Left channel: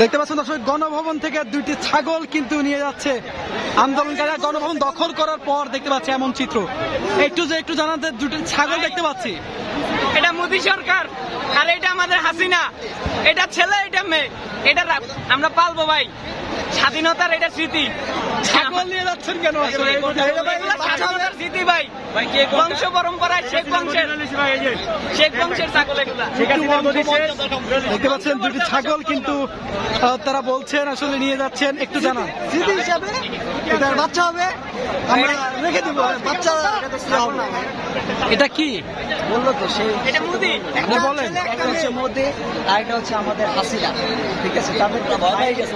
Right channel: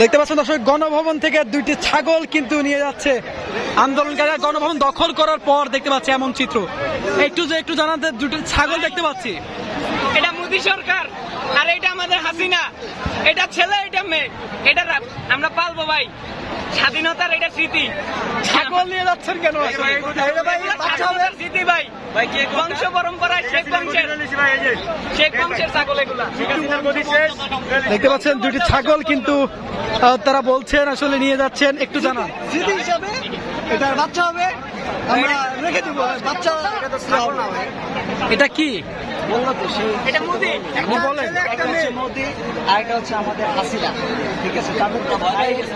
দেখতে পাচ্ছেন দর্শক, গণভবন থেকে দুইটি ছাগল কিন্তু নিয়ে যাচ্ছে আন্দোলনকারীরা। গণভবন দখল করার পর দেখতে পাচ্ছি এমন চিত্র। একটু জানাতে, দুটি ছাগল দেখতে পাচ্ছি। এটা মোদী সরকার আর এটা আমাদের হাসিনা। এটা ছেলে, এটা মেয়ে, এটা আমরা পালবো ভাই। স্বাধীনতার এটা স্মৃতি। ছাগল নিয়ে যাচ্ছেন কেন? স্বাধীনতার স্মৃতি ভাই, বংশ পরম্পরায় শেখ বংশের ছাগল এগুলা। দেখতে পাচ্ছেন দুটি ছাগল কিন্তু তারা বলছেন আসলে নিয়ে যাচ্ছেন। একটু জানান স্মৃতি হিসাবে এটার বাচ্চা হবে, আমরা রেখে দিব। বাচ্চা এটা কি বললো তো সেই এটা মোদী। বলেন। একটা হচ্ছে মোদী আর এটা হচ্ছে আমাদের হাসিনা। ঠিক আছে, তাদের তো ভাই গেছে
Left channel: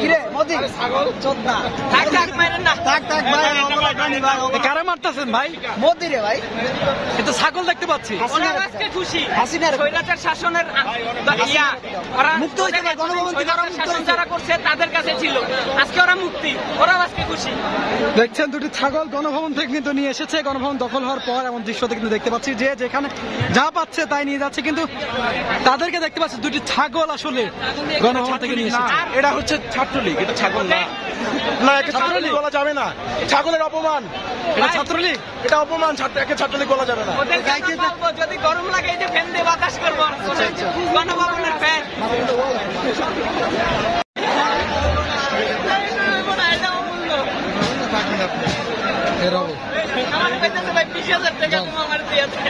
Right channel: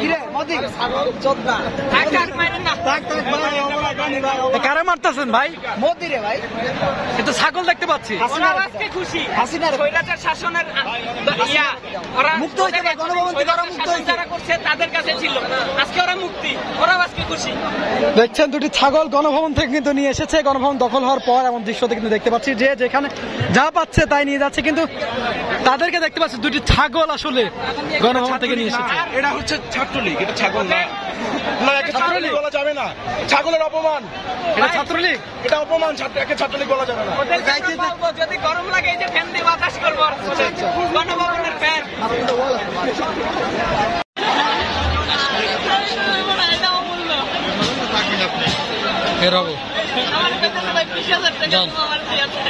কিরে মোদী চোদ্দা কারে মারতেছেন ভাই? মোদী রে ভাই। কিন্তু ছাগল দেখতে পাচ্ছি। ওরা আজকে খুশি, হাসিনার স্বৈরাচার শাসনের ওরা মুক্ত হয়েছে, গণভবন থেকে ওরা মুক্ত হয়েছে। যারা করছে তাদের কাছে ছিল, আজকে ওরা মুক্তি, ওরাও আজকে খুশি। দেখছেন দুটি ছাগল গণভবন থেকে কিন্তু নিয়ে এসেছে। গণভবন দখল হওয়ার পর এমন দৃশ্যতে কিন্তু দেখতে পাচ্ছি যে যেখানে যা পাচ্ছে তাই নিয়ে যাচ্ছে, কিন্তু তাদেরকে দেখতে পাচ্ছি দুটি ছাগল আসলে গণভবন থেকে নিয়ে এসেছে। এটা হচ্ছে ছাত্রলীগ, এটা ছাগল না। ছাত্রলীগ বলা যাবে না, ছাগলের অপমান। এটা ছাত্রলীগ, এটা অপমান। একে ছাত্রলীগ বলা যাবে না। যদি গরম লাগে এই যে ফ্যান দিয়ে বাতাস করবো, গণভবনের ফ্যান। এর হবো আমার কাছে ভাই 20,000 টাকা আমার দিয়েছে।